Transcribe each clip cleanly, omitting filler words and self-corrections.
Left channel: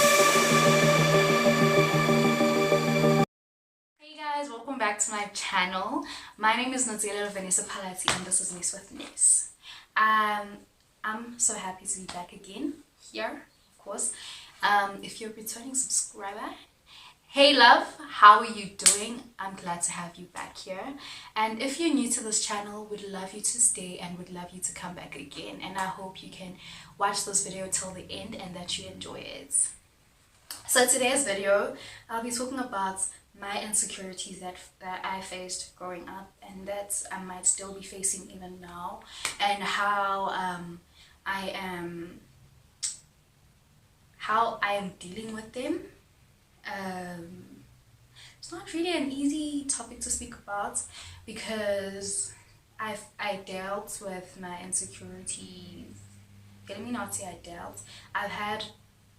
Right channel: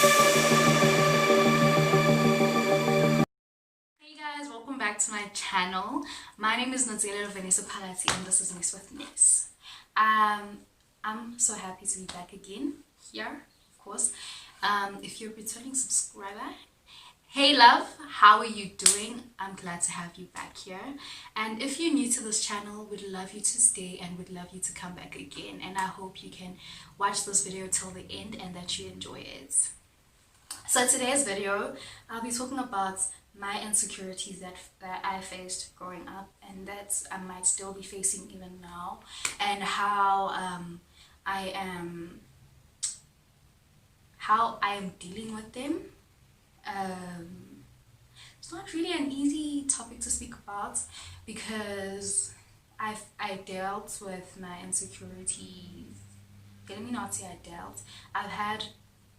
Hey guys, welcome back to my channel. My name is Nazela Vanessa Palati and this is Ness with Ness. I'm so happy to be back again here, of course. If you're a returning subscriber, hey love, how are you doing? I'm glad to have you back here. And if you're new to this channel, would love you to stay and would love you to come back again. And I hope you can watch this video till the end and that you enjoy it. So today's video, I'll be talking about my insecurities that I faced growing up and that I might still be facing even now, and how I am dealing with them. It's not really an easy topic to speak about because I dealt with my insecurities. Let me not say I dealt. I've had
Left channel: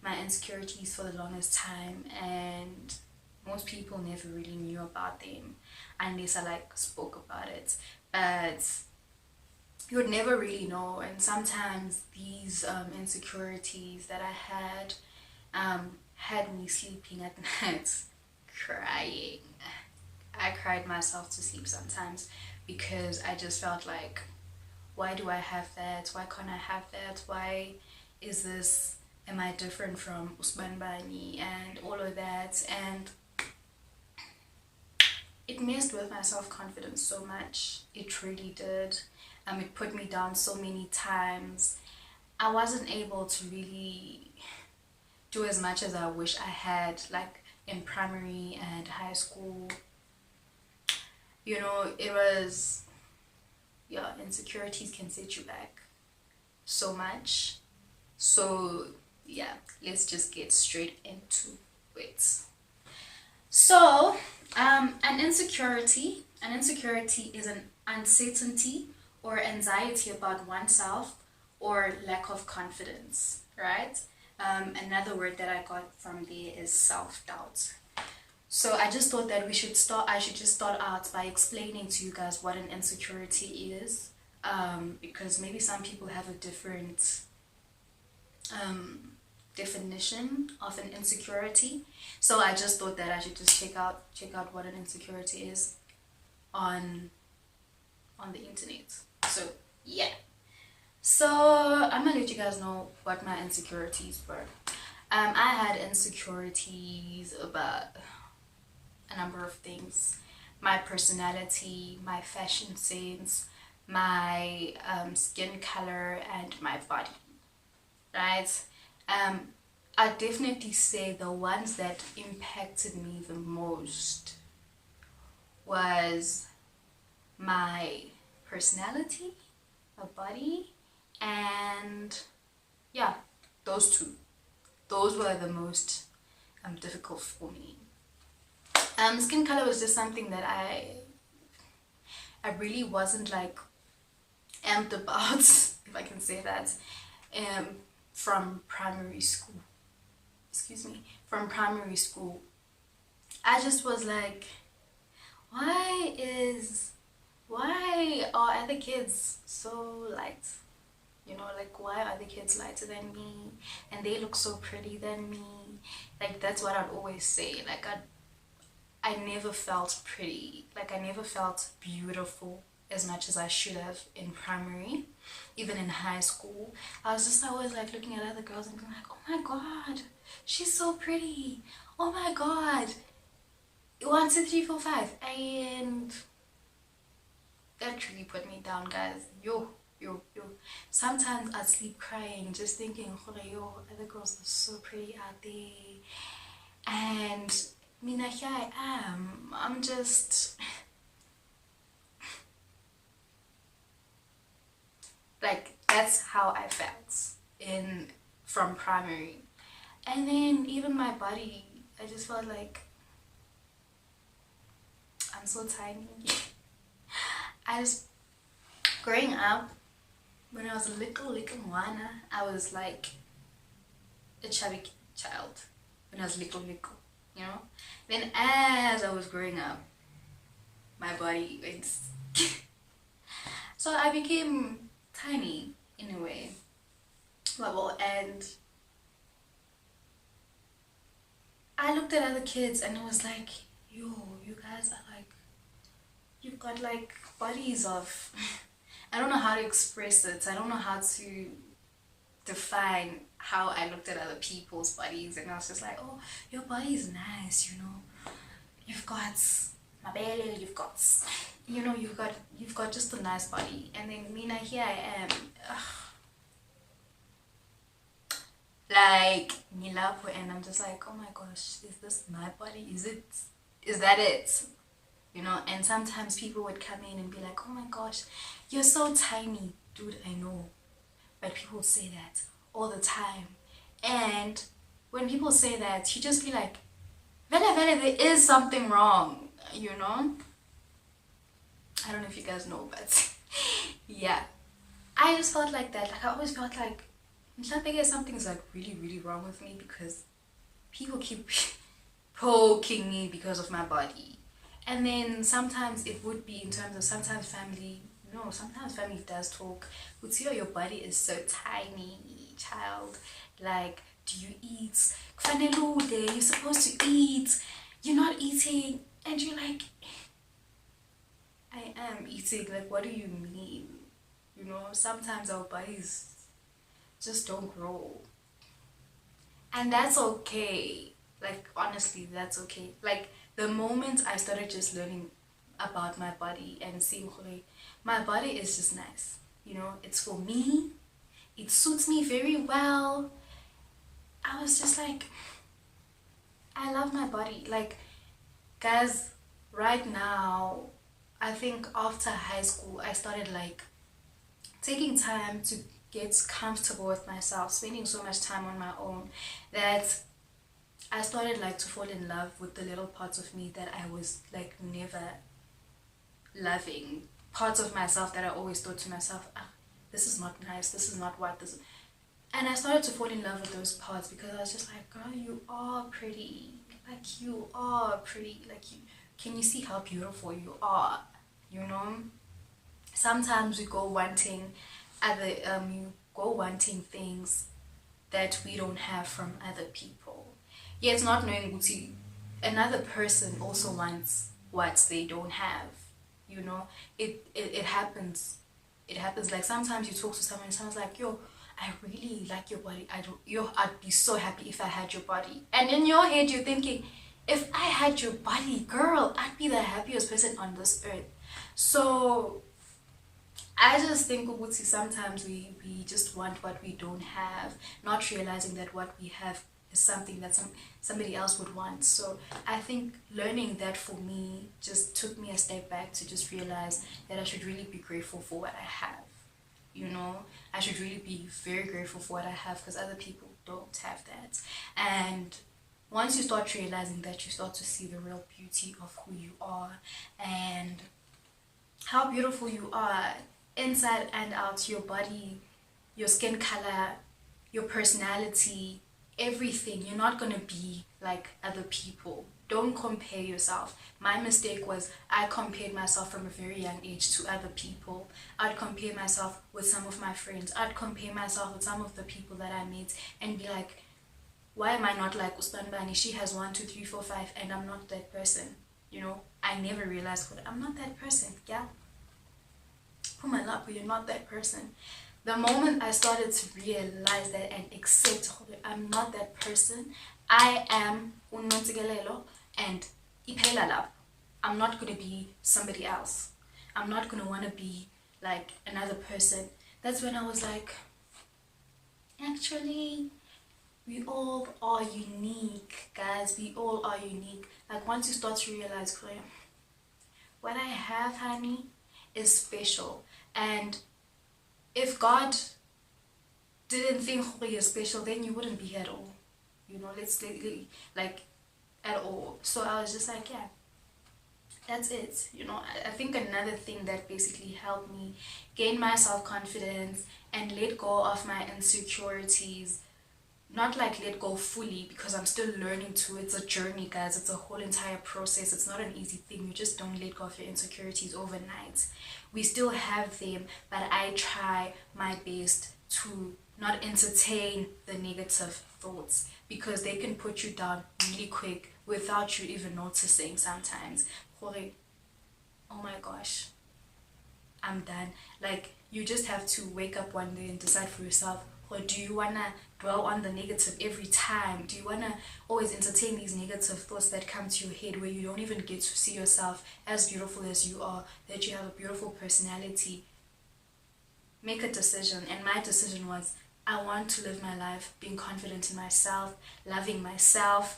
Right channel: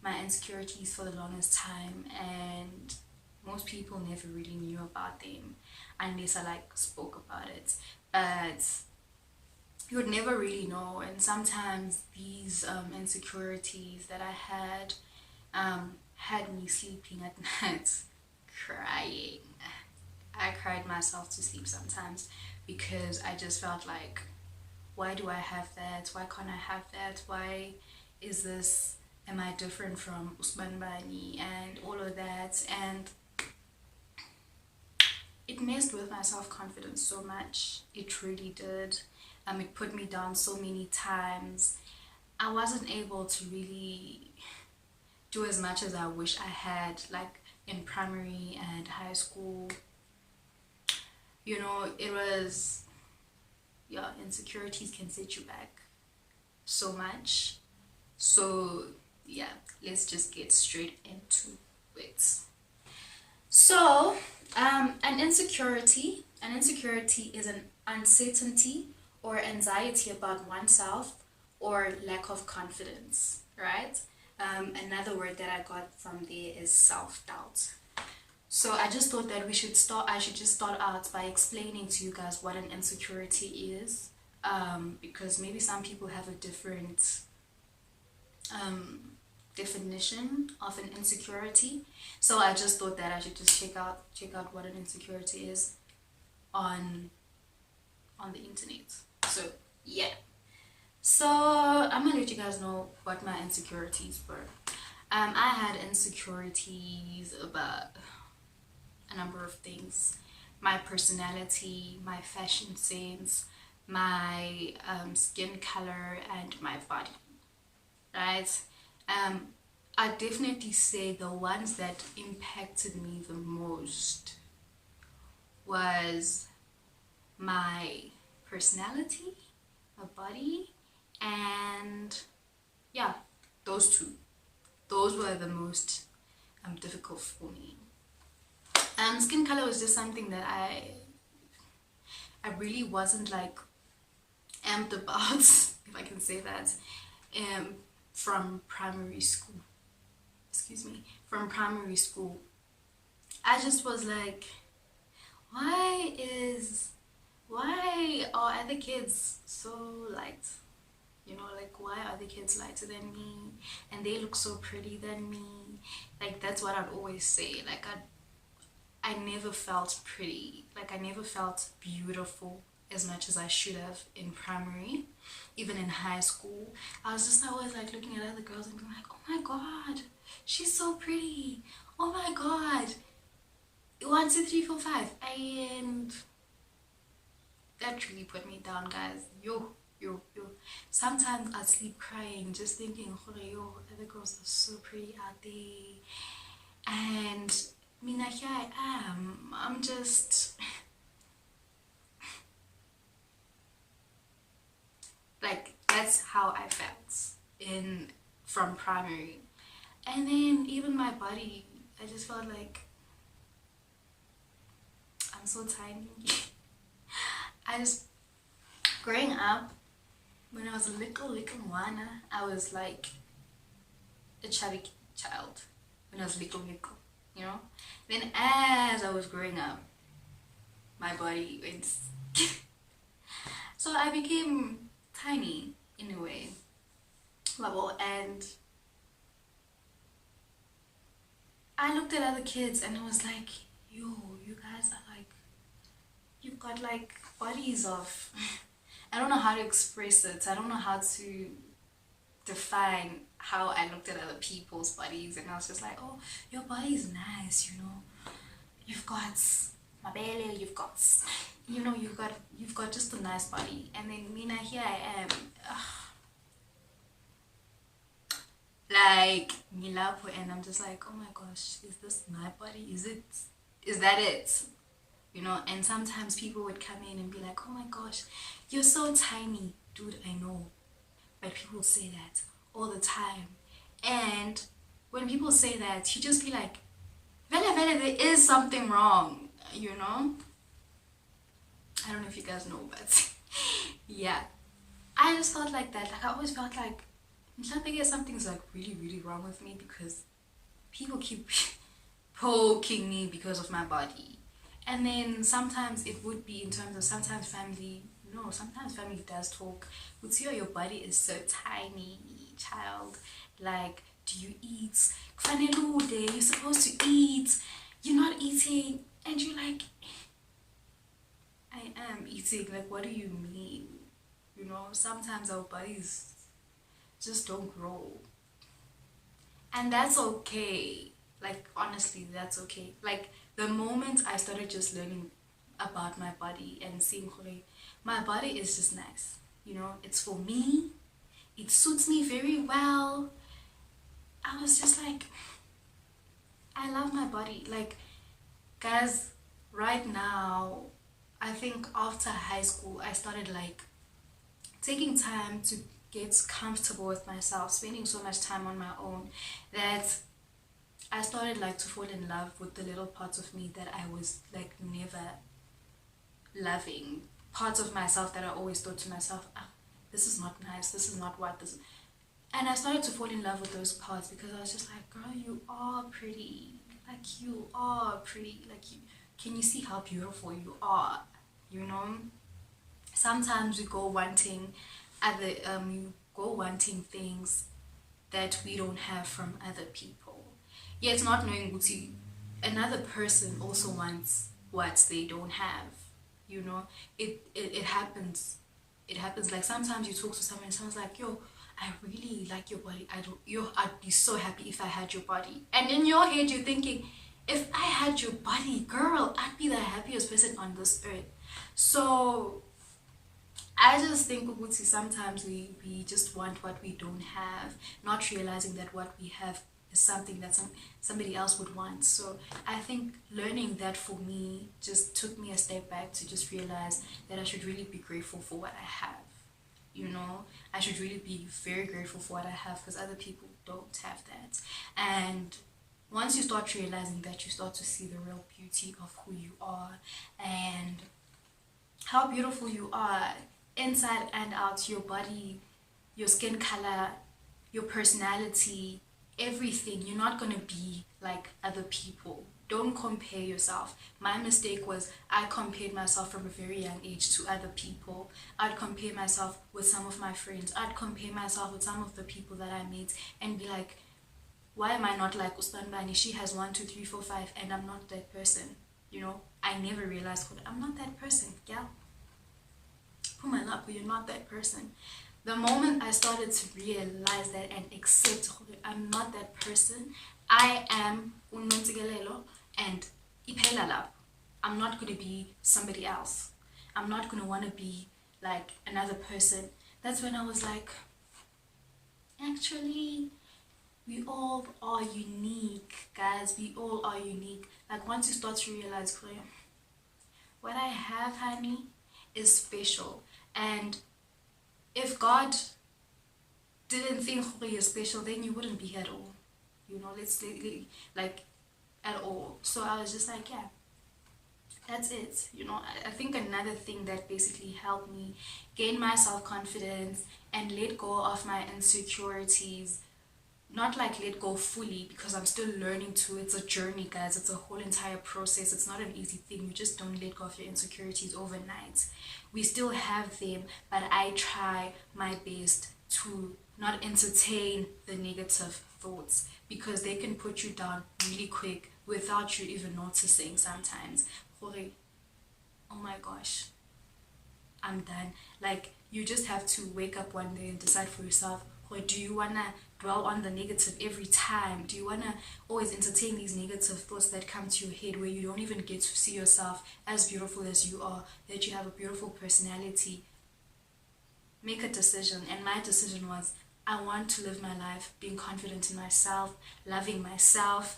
my insecurities for the longest time, and most people never really knew about them unless I spoke about it. But you would never really know, and sometimes these insecurities that I had me sleeping at night crying. I cried myself to sleep sometimes because I just felt like, why do I have that? Why can't I have that? Why is this? Am I different from Usman Bani and all of that? And it messed with my self-confidence so much. It really did. It put me down so many times. I wasn't able to really do as much as I wish I had, like in primary and high school. You know, it was, yeah, insecurities can set you back so much. So yeah, let's just get straight into it. So an insecurity is an uncertainty or anxiety about oneself or lack of confidence, right? Another word that I got from there is self-doubt. So I just thought that I should just start out by explaining to you guys what an insecurity is, because maybe some people have a different definition of an insecurity. So I just thought that I should just check out what an insecurity is on the internet. So yeah, so I'm gonna let you guys know what my insecurities were. I had insecurities about a number of things: my personality, my fashion sense, my skin color, and my body, right? I definitely say the ones that impacted me the most was my personality, my body, and yeah, those two. Those were the most difficult for me. Skin color was just something that I really wasn't like amped about, if I can say that, from primary school. From primary school. I just was like, why are other kids so light? You know, like, why are the kids lighter than me and they look so pretty than me? Like, that's what I'd always say. Like, I never felt pretty. Like, I never felt beautiful as much as I should have in primary. Even in high school, I was just always like looking at other girls and being like, oh my god, she's so pretty, oh my god, 1 2 3 4 5. And that really put me down, guys. Yo. Sometimes I'd sleep crying just thinking, yo, other girls are so pretty out there, and Mina, here I am. I'm just like, that's how I felt from primary. And then even my body, I just felt like I'm so tiny. Growing up, when I was a little one, I was like a chubby child when I was little, you know. Then as I was growing up, my body went so I became tiny in a way, level, and I looked at other kids and I was like, yo, you guys are like, you've got like bodies of, I don't know how to express it. I don't know how to define how I looked at other people's bodies, and I was just like, oh, your body is nice, you know. You've got my belly, you've got just a nice body. And then Mina, here I am. Like Milapo, and I'm just like, oh my gosh, is this my body? Is that it? You know, and sometimes people would come in and be like, oh my gosh, you're so tiny. Dude, I know. But people would say that all the time. And when people say that, you just be like, Vele, Vele, there is something wrong, you know? I don't know if you guys know, but yeah. I just felt like that. Like, I always felt like something's like really, really wrong with me because people keep poking me because of my body. And then sometimes it would be in terms of sometimes family, no, sometimes family does talk. Would see, oh, your body is so tiny, child. Like, do you eat? Kufanele, you're supposed to eat. You're not eating. And you're like, I am eating. Like, what do you mean? You know, sometimes our bodies just don't grow. And that's okay. Like, honestly, that's okay. Like, the moment I started just learning about my body and seeing my body is just nice. You know, it's for me. It suits me very well. I was just like, I love my body. Like, guys, right now, I think after high school, I started like taking time to get comfortable with myself, spending so much time on my own that I started like to fall in love with the little parts of me that I was like never loving. Parts of myself that I always thought to myself, this is not nice, this is not what this is. And I started to fall in love with those parts because I was just like, girl, you are pretty. Like, you are pretty. Like, can you see how beautiful you are? You know? Sometimes we go wanting you go wanting things that we don't have from other people. Yet not knowing Guti, another person also wants what they don't have. You know, it happens. It happens. Like, sometimes you talk to someone and someone's like, yo, I really like your body. I'd be so happy if I had your body. And in your head you're thinking, if I had your body, girl, I'd be the happiest person on this earth. So I just think Ubuti, sometimes we just want what we don't have, not realizing that what we have is something that somebody else would want. So I think learning that for me just took me a step back to just realize that I should really be grateful for what I have. You know, I should really be very grateful for what I have because other people don't have that. And once you start realizing that, you start to see the real beauty of who you are and how beautiful you are inside and out. Your body, your skin color, your personality, everything. You're not going to be like other people. Don't compare yourself. My mistake was I compared myself from a very young age to other people. I'd compare myself with some of my friends. I'd compare myself with some of the people that I meet and be like, why am I not like Uspanbani? She has 1, 2, 3, 4, 5 and I'm not that person. You know, I never realized I'm not that person. Yeah. Put my lap, you're not that person. The moment I started to realize that and accept I'm not that person, I am unontigalelo and ipela lap. I'm not going to be somebody else. I'm not going to want to be like another person. That's when I was like, actually, we all are unique, guys. We all are unique. Like, once you start to realize, what I have, honey, is special. And if God didn't think you're special, then you wouldn't be here at all. You know, like at all. So I was just like, yeah, that's it. You know, I think another thing that basically helped me gain my self-confidence and let go of my insecurities, not like let go fully because I'm still learning too. It's a journey, guys. It's a whole entire process. It's not an easy thing. You just don't let go of your insecurities overnight. We still have them, but I try my best to not entertain the negative thoughts, because they can put you down really quick without you even noticing sometimes. Oh my gosh, I'm done. Like, you just have to wake up one day and decide for yourself, or do you want to dwell on the negative every time? Do you want to always entertain these negative thoughts that come to your head, where you don't even get to see yourself as beautiful as you are, that you have a beautiful personality? Make a decision. And my decision was, I want to live my life being confident in myself, loving myself,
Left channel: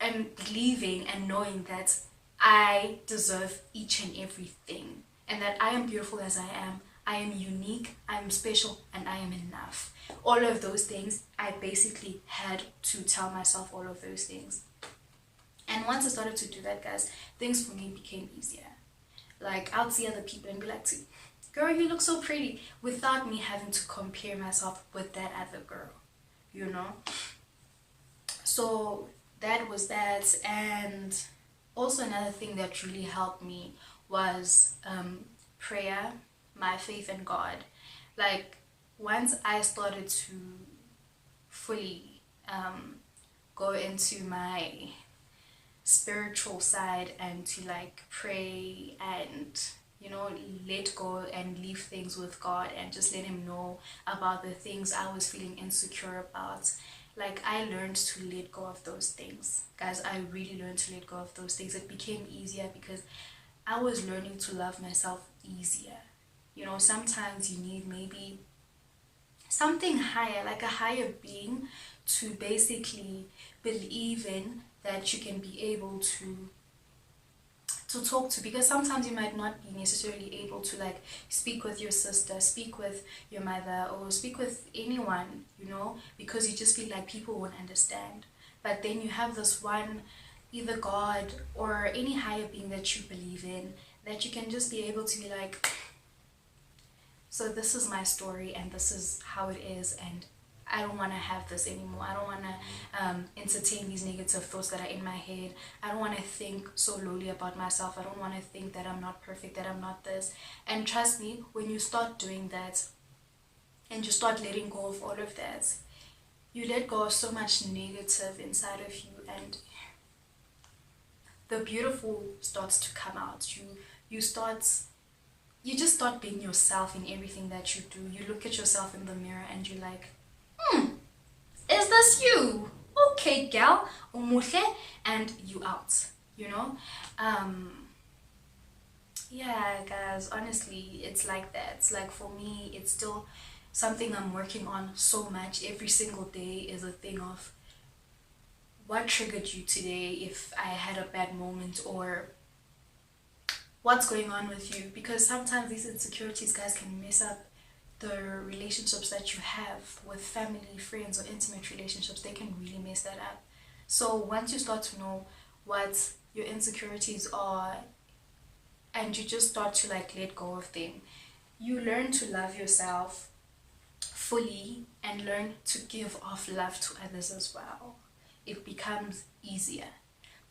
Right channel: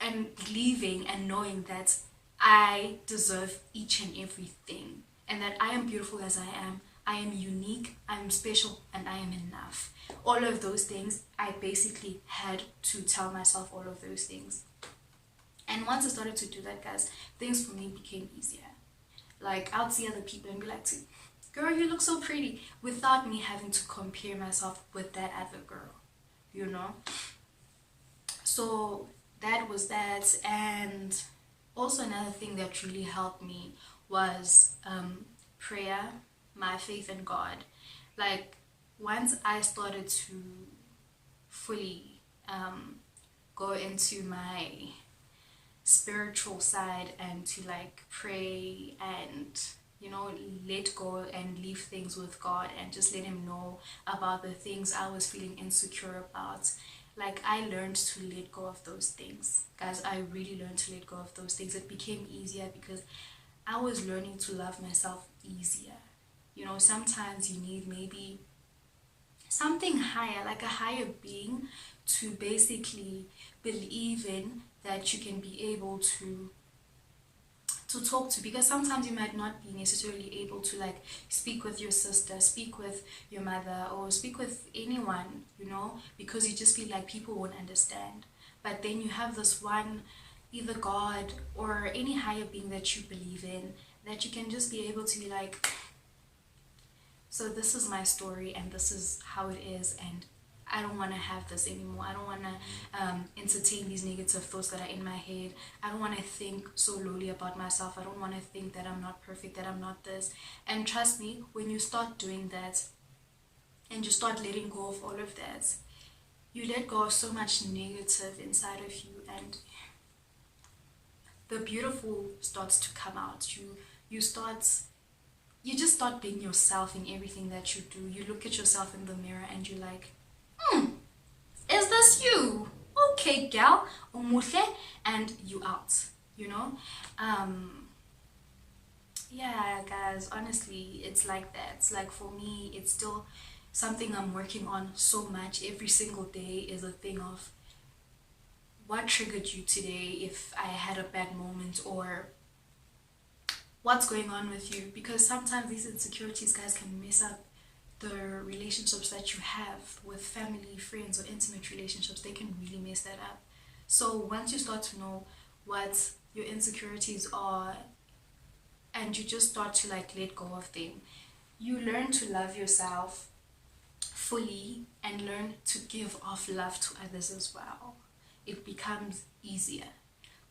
and believing and knowing that I deserve each and everything, and that I am beautiful as I am. I am unique, I am special, and I am enough. All of those things, I basically had to tell myself all of those things. And once I started to do that, guys, things for me became easier. Like, I would see other people and be like, girl, you look so pretty, without me having to compare myself with that other girl, you know? So that was that. And also another thing that really helped me was prayer, my faith in God. Like, once I started to fully go into my spiritual side and to like pray and, you know, let go and leave things with God and just let him know about the things I was feeling insecure about, like, I learned to let go of those things, guys. I really learned to let go of those things. It became easier because I was learning to love myself easier. You know, sometimes you need maybe something higher, like a higher being, to basically believe in that you can be able to talk to, because sometimes you might not be necessarily able to like speak with your sister, speak with your mother, or speak with anyone, you know, because you just feel like people won't understand. But then you have this one, either God or any higher being that you believe in, that you can just be able to be like, so this is my story and this is how it is, and I don't want to have this anymore. I don't want to entertain these negative thoughts that are in my head. I don't want to think so lowly about myself. I don't want to think that I'm not perfect, that I'm not this. And trust me, when you start doing that and you start letting go of all of that, you let go of so much negative inside of you, and the beautiful starts to come out. You just start being yourself in everything that you do. You look at yourself in the mirror and you're like, is this you? Okay, gal, umuhle, and you out, you know? Yeah, guys, honestly, it's like that. It's like, for me, it's still something I'm working on so much. Every single day is a thing of what triggered you today, if I had a bad moment, or what's going on with you, because sometimes these insecurities, guys, can mess up the relationships that you have with family, friends, or intimate relationships. They can really mess that up. So once you start to know what your insecurities are, and you just start to like let go of them, you learn to love yourself fully and learn to give off love to others as well. It becomes easier.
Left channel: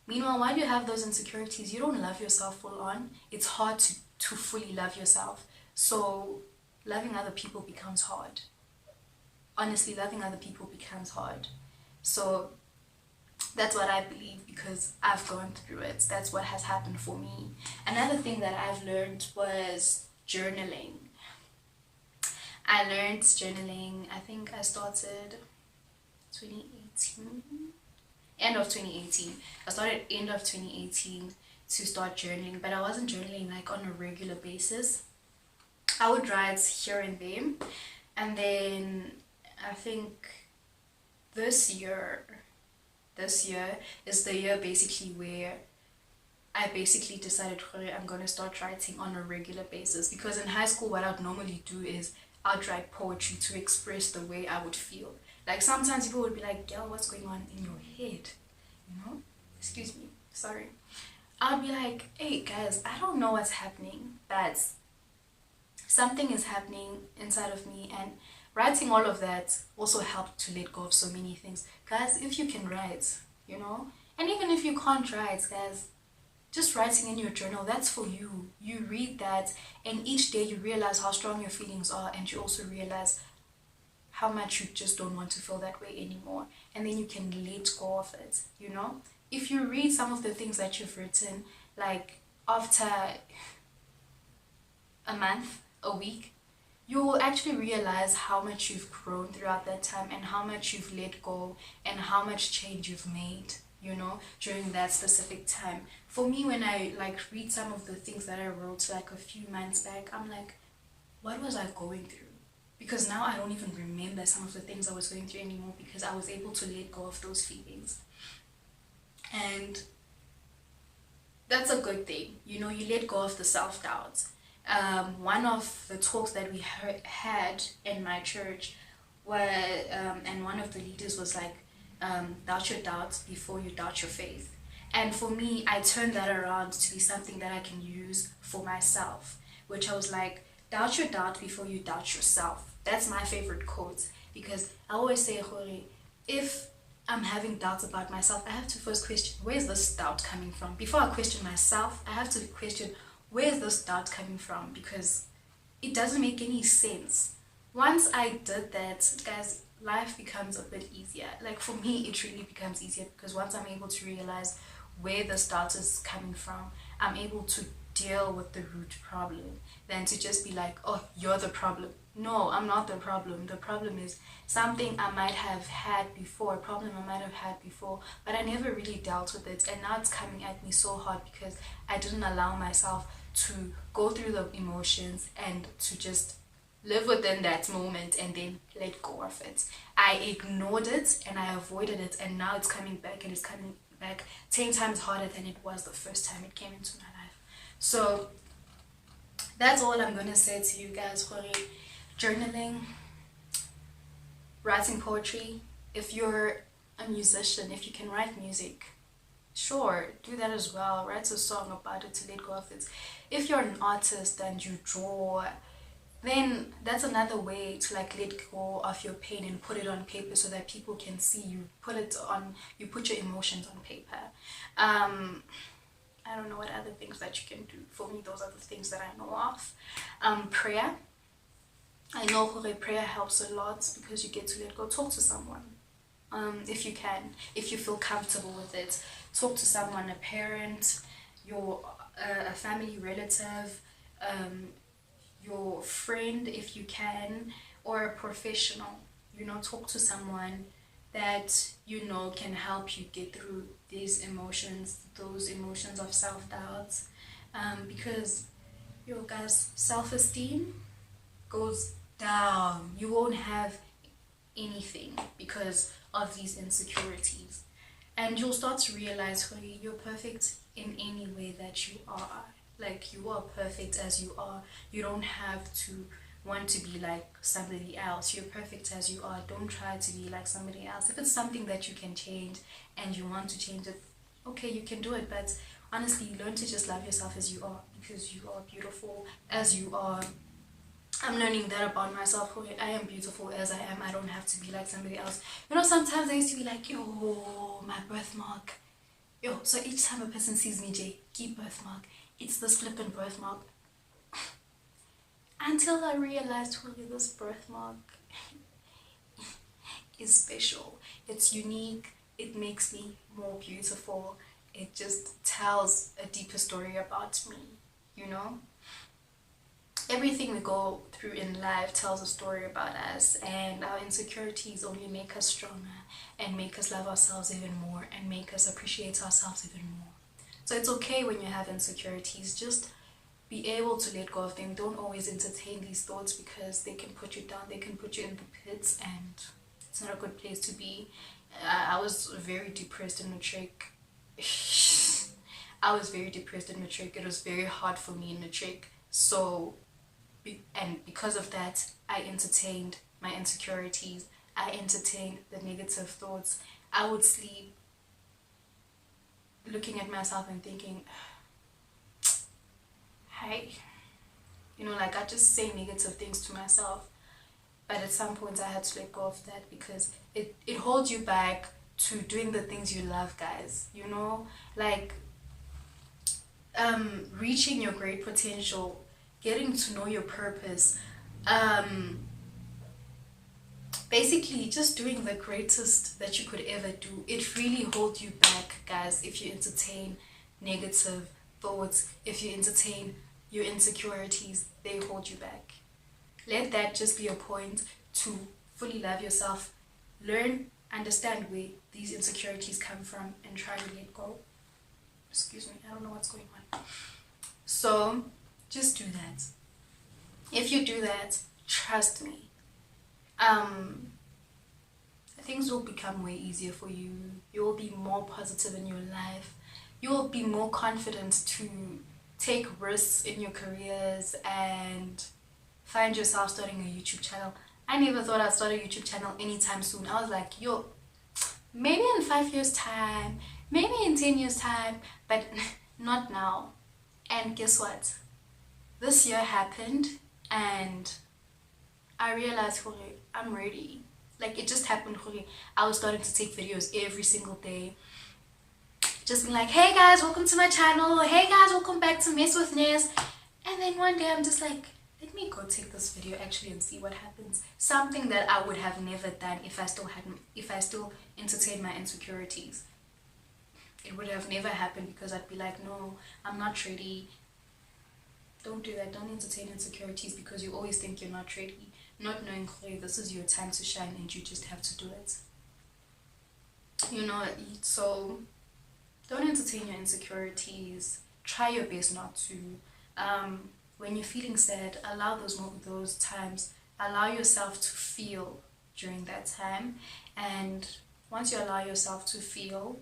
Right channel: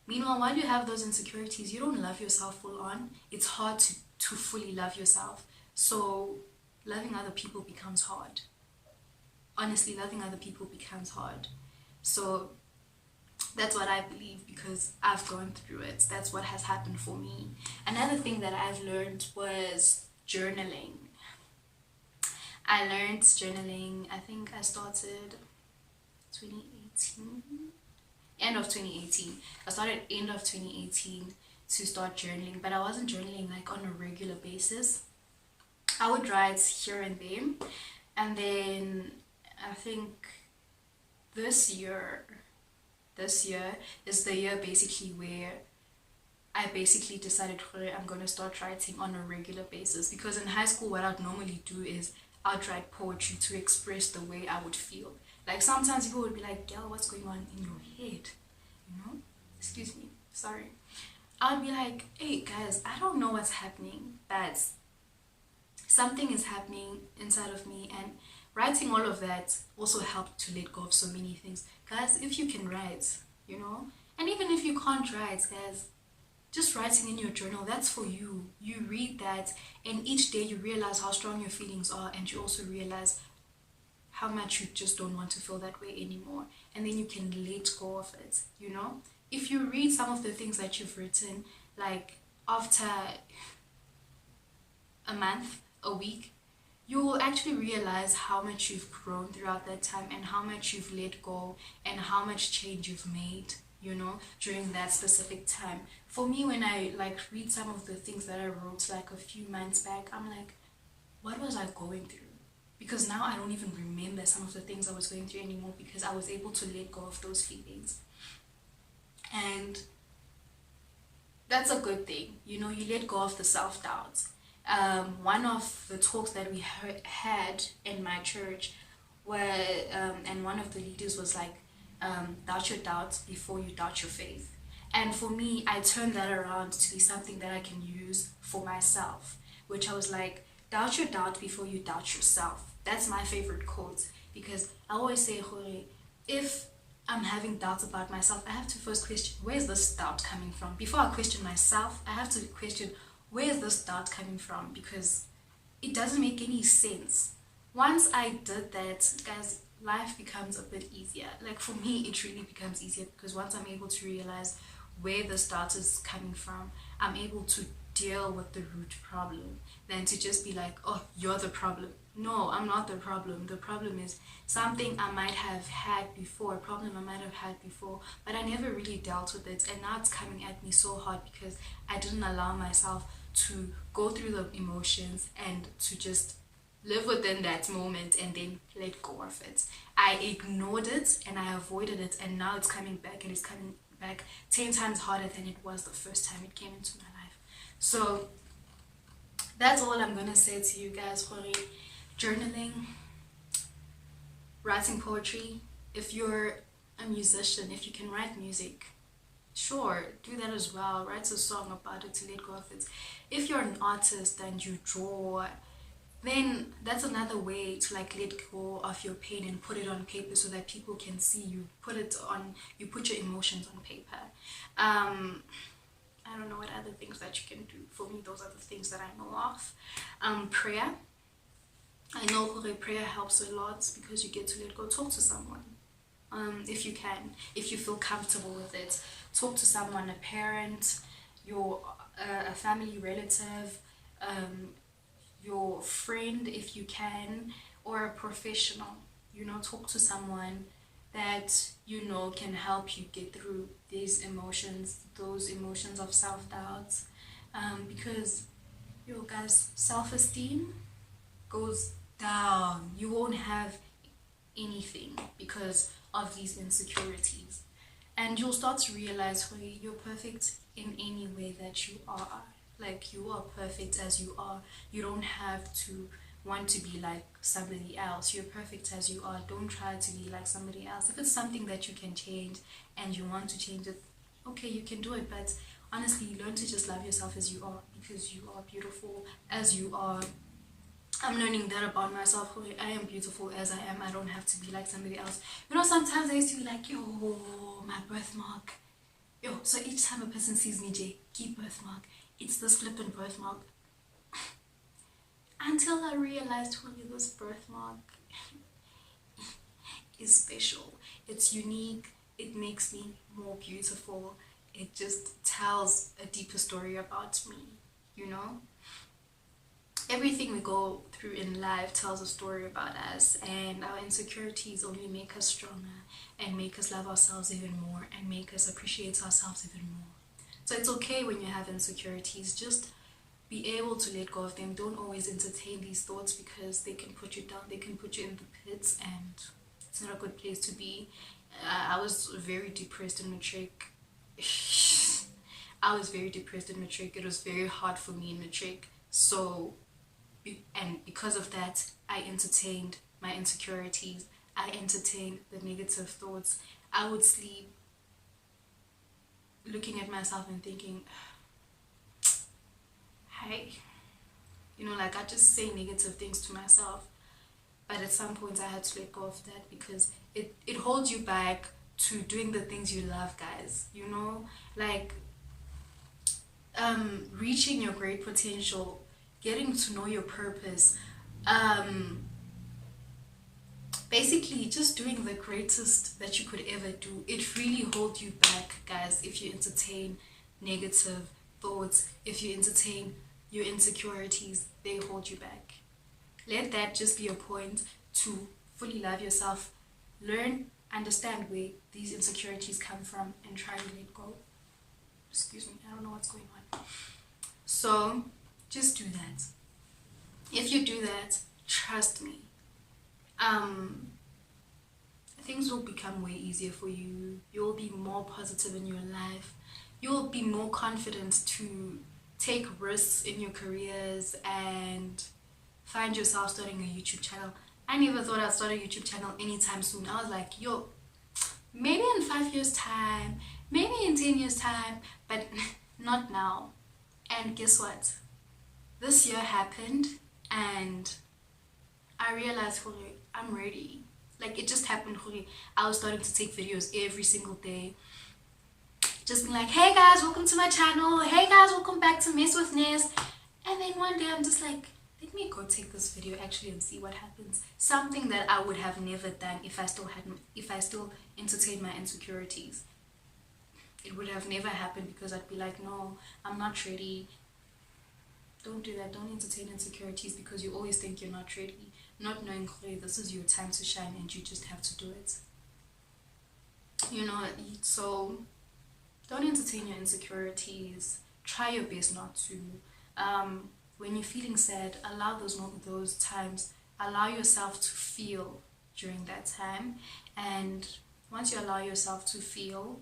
Meanwhile, while you have those insecurities, you don't love yourself full on. It's hard to fully love yourself. So loving other people becomes hard. Honestly, loving other people becomes hard. So that's what I believe, because I've gone through it. That's what has happened for me. Another thing that I've learned was journaling. I learned journaling, I think I started 2018. End of 2018. I started end of 2018 to start journaling, but I wasn't journaling like on a regular basis. I would write here and there, and then I think this year is the year basically where I basically decided, I'm going to start writing on a regular basis, because in high school what I'd normally do is I'd write poetry to express the way I would feel. Like, sometimes people would be like, girl, what's going on in your head? You know? Excuse me. Sorry. I'd be like, hey, guys, I don't know what's happening, but something is happening inside of me. And writing all of that also helped to let go of so many things. Guys, if you can write, you know? And even if you can't write, guys, just writing in your journal, that's for you. You read that, and each day you realize how strong your feelings are, and you also realize how much you just don't want to feel that way anymore, and then you can let go of it, you know. If you read some of the things that you've written, like after a month, a week, you will actually realize how much you've grown throughout that time, and how much you've let go, and how much change you've made, you know, during that specific time. For me, when I like read some of the things that I wrote like a few months back, I'm like, what was I going through? Because now I don't even remember some of the things I was going through anymore, because I was able to let go of those feelings. And that's a good thing, you know. You let go of the self-doubt. One of the talks that we had in my church were and one of the leaders was like, doubt your doubts before you doubt your faith. And for me, I turned that around to be something that I can use for myself, which I was like, doubt your doubt before you doubt yourself. That's my favorite quote, because I always say, Hore, if I'm having doubts about myself, I have to first question, where's this doubt coming from? Before I question myself, I have to question, where's this doubt coming from? Because it doesn't make any sense. Once I did that, guys, life becomes a bit easier. Like for me, it really becomes easier, because once I'm able to realize where this doubt is coming from, I'm able to deal with the root problem, than to just be like, oh, you're the problem. No, I'm not the problem. The problem is something I might have had before, a problem I might have had before, but I never really dealt with it, and now it's coming at me so hard because I didn't allow myself to go through the emotions and to just live within that moment and then let go of it. I ignored it and I avoided it, and now it's coming back, and it's coming back 10 times harder than it was the first time it came into my life. So that's all I'm gonna say to you guys. For journaling, writing poetry. If you're a musician, if you can write music, sure, do that as well. Write a song about it to let go of it. If you're an artist and you draw, then that's another way to like let go of your pain and put it on paper so that people can see you. You put your emotions on paper. I don't know what other things that you can do. For me, those are the things that I know of. Prayer. I know prayer helps a lot, because you get to let go. Talk to someone. If you can, if you feel comfortable with it, talk to someone, a parent, a family relative, your friend if you can, or a professional. You know, talk to someone that you know can help you get through these emotions, those emotions of self-doubt, because guys, self-esteem goes down. You won't have anything because of these insecurities, and you'll start to realize, hey, you're perfect in any way that you are. Like, you are perfect as you are. You don't have to want to be like somebody else. You're perfect as you are. Don't try to be like somebody else. If it's something that you can change and you want to change it, okay, you can do it. But honestly, learn to just love yourself as you are, because you are beautiful as you are. I'm learning that about myself. I am beautiful as I am. I don't have to be like somebody else. You know, sometimes I used to be like, yo, my birthmark. Yo, so each time a person sees me, Jay, keep birthmark. It's this flippin' birthmark. Until I realized, this birthmark is special. It's unique. It makes me more beautiful. It just tells a deeper story about me, you know? Everything we go through in life tells a story about us, and our insecurities only make us stronger and make us love ourselves even more and make us appreciate ourselves even more. So it's okay when you have insecurities. Just be able to let go of them. Don't always entertain these thoughts, because they can put you down. They can put you in the pits, and it's not a good place to be. I was very depressed in matric. I was very depressed in matric. It was very hard for me in matric. So, and because of that, I entertained my insecurities. I entertained the negative thoughts. I would sleep looking at myself and thinking, hey, like I just say negative things to myself. But at some point I had to let go of that, because it holds you back to doing the things you love, guys. Like reaching your great potential, getting to know your purpose, basically just doing the greatest that you could ever do. It really holds you back, guys, if you entertain negative thoughts, if you entertain your insecurities, they hold you back. Let that just be a point to fully love yourself, learn, understand where these insecurities come from, and try to let go. Excuse me, I don't know what's going on. So just do that. If you do that, trust me, things will become way easier for you. You will be more positive in your life. You will be more confident to take risks in your careers and find yourself starting a YouTube channel. I never thought I'd start a YouTube channel anytime soon. I was like, yo, maybe in 5 years time, maybe in 10 years time, but not now. And guess what? This year happened and I realized, I'm ready. Like, it just happened. I was starting to take videos every single day. Just being like, hey guys, welcome to my channel. Hey guys, welcome back to Mess with Ness. And then one day I'm just like, let me go take this video actually and see what happens. Something that I would have never done if I still entertained my insecurities. It would have never happened because I'd be like, no, I'm not ready. Don't do that. Don't entertain insecurities because you always think you're not ready. Not knowing, this is your time to shine and you just have to do it. You know, so don't entertain your insecurities. Try your best not to. When you're feeling sad, allow those times. Allow yourself to feel during that time. And once you allow yourself to feel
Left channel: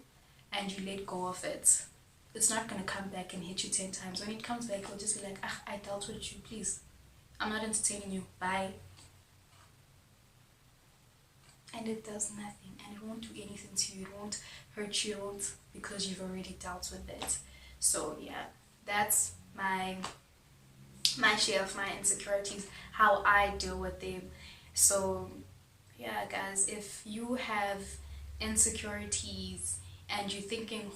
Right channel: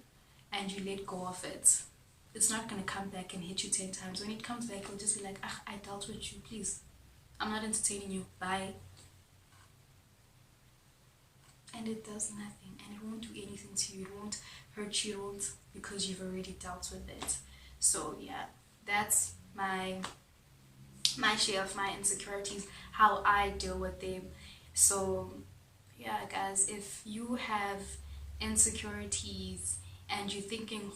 and you let go of it, it's not going to come back and hit you 10 times. When it comes back, you'll just be like, I dealt with you, please. I'm not entertaining you. Bye. And it does nothing. And it won't do anything to you. It won't hurt you. It won't, because you've already dealt with it. So, yeah, that's my share of my insecurities, how I deal with them. So, yeah, guys, if you have insecurities and you're thinking,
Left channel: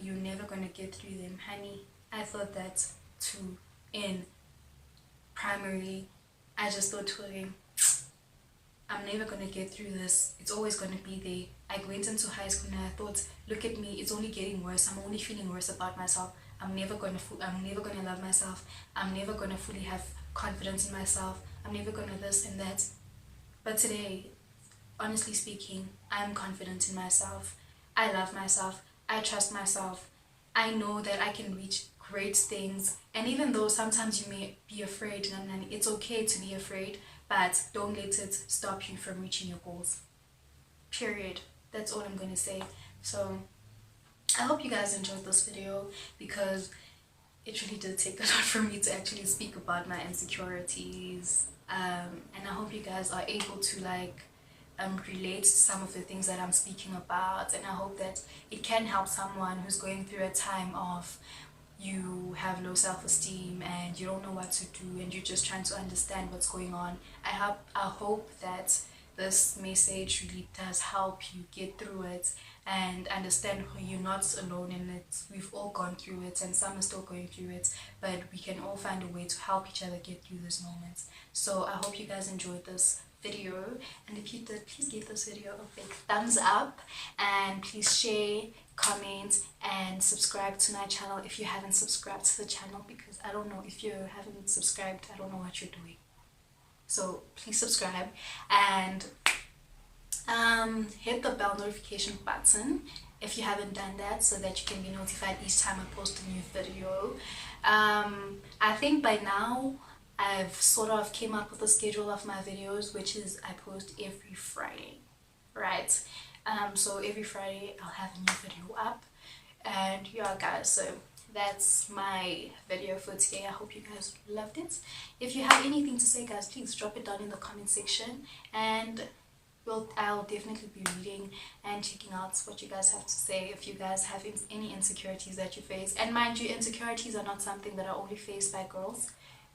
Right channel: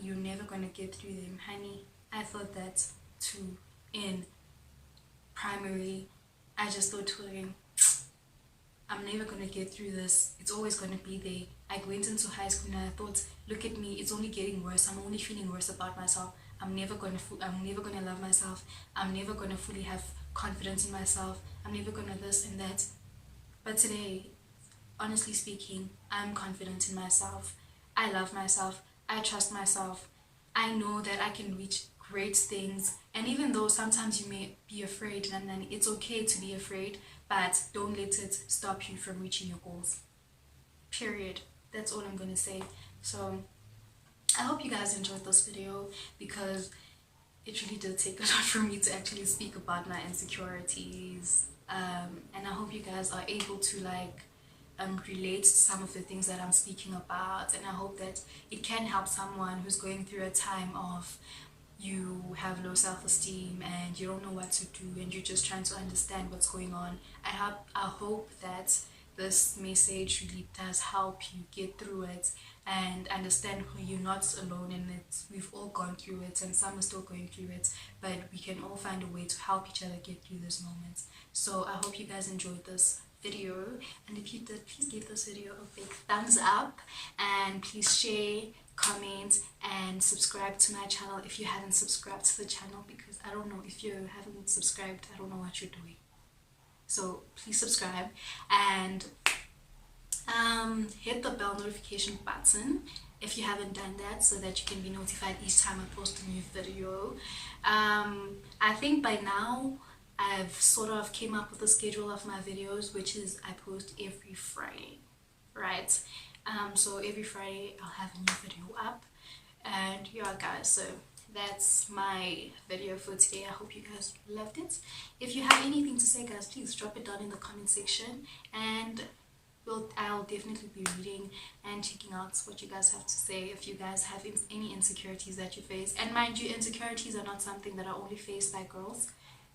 you're never going to get through them, honey, I thought that too in primary. I just thought, I'm never going to get through this. It's always going to be there. I went into high school and I thought, look at me, it's only getting worse. I'm only feeling worse about myself. I'm never going to love myself. I'm never going to fully have confidence in myself. I'm never going to this and that. But today, honestly speaking, I'm confident in myself. I love myself. I trust myself. I know that I can reach great things. And even though sometimes you may be afraid, and it's okay to be afraid, but don't let it stop you from reaching your goals. Period. That's all I'm going to say. So I hope you guys enjoyed this video because it really did take a lot for me to actually speak about my insecurities. And I hope you guys are able to relate to some of the things that I'm speaking about, and I hope that it can help someone who's going through a time of you have low self-esteem and you don't know what to do and you're just trying to understand what's going on. I hope that this message really does help you get through it and understand you're not alone in it. We've all gone through it and some are still going through it, but we can all find a way to help each other get through those moments. So I hope you guys enjoyed this video, and if you did, please give this video a big thumbs up and please share, comment, and subscribe to my channel if you haven't subscribed to the channel, because I don't know, if you haven't subscribed, I don't know what you're doing. So please subscribe and hit the bell notification button if you haven't done that, so that you can be notified each time I post a new video. I think by now I've sort of came up with a schedule of my videos, which is I post every Friday, right? So every Friday I'll have a new video up, and yeah guys, so that's my video for today. I hope you guys loved it. If you have anything to say, guys, please drop it down in the comment section, and I'll definitely be reading and checking out what you guys have to say. If you guys have any insecurities that you face, and mind you, insecurities are not something that are only faced by girls.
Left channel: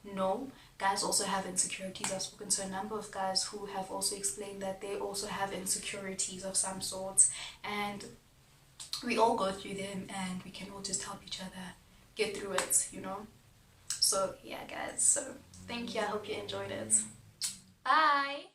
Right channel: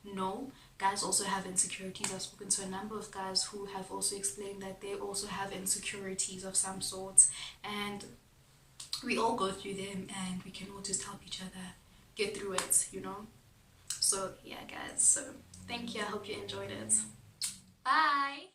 No, guys also have insecurities. I've spoken to a number of guys who have also explained that they also have insecurities of some sort, and we all go through them and we can all just help each other get through it, you know. So yeah guys, so thank you. I hope you enjoyed it. Bye.